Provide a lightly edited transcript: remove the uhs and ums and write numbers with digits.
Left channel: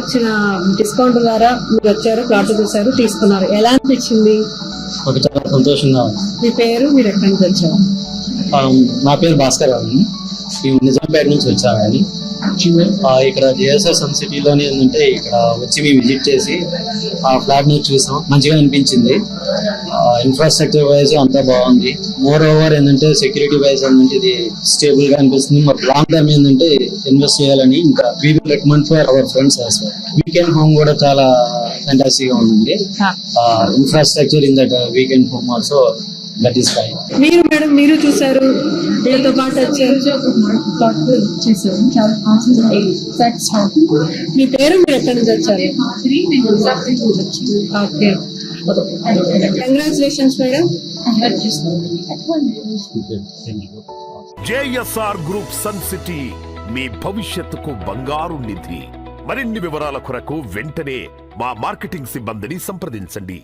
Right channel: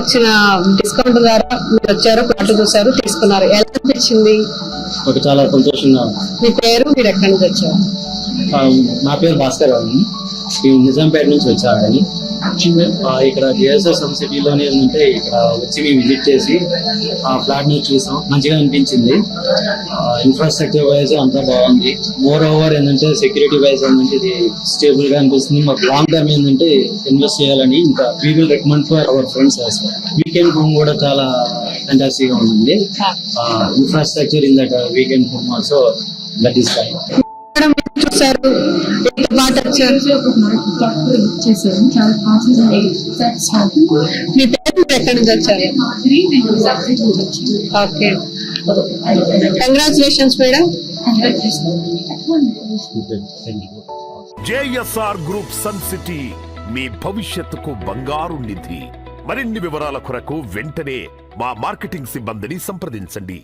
వచ్చిన డిస్కౌంట్ ద్వారా మీరు వచ్చారు, ప్లాట్ చూసారు, తీసుకున్నారు, ఎలా అనిపించింది? మాకు చాలా సంతోషంగా ఉంది. మీ పేరు, మీరు ఎక్కడి నుంచి వచ్చారు? నా పేరు భాస్కర్ అండి. మేము నిజాంపేట నుంచి వచ్చామని. ఇక్కడ బిఎస్ఓ సమ్ సిటీలోనే ఉంటే ఇక్కడ వచ్చి మేము విజిట్ చేసి ఆ ఫ్లాట్ ని చూసాం. మంచిగా అనిపించింది. ఇన్ఫ్రాస్ట్రక్చర్ వైజ్ అంతా బాగుంది. మోర్ ఓవర్ ఏంటంటే సెక్యూరిటీ వైజ్ ఏంటంటే ఇది స్టేబుల్ గా అనిపిస్తుంది. మాకు లాంగ్ టర్మ్ ఏంటంటే ఇన్వెస్ట్ చేయాలని ఇంకా we will recommend for our friends also. Weekend home కూడా చాలా ఫ్యాంటాస్టిక్ గా ఉంది. Infrastructure in that weekend home also that is fine. మీరు మేడం, మీరు చూసారు, వీళ్ళతో పాటు వచ్చారు, చేశారు. చాలా మీ పేరు, మీరు ఎక్కడి నుంచి వచ్చారు? Okay, congratulations madam. JSR group Sun City మీ భవిష్యత్తుకు బంగారు నిధి. మరిన్ని వివరాల కొరకు వెంటనే మా మార్కెటింగ్ సిబ్బందిని సంప్రదించండి.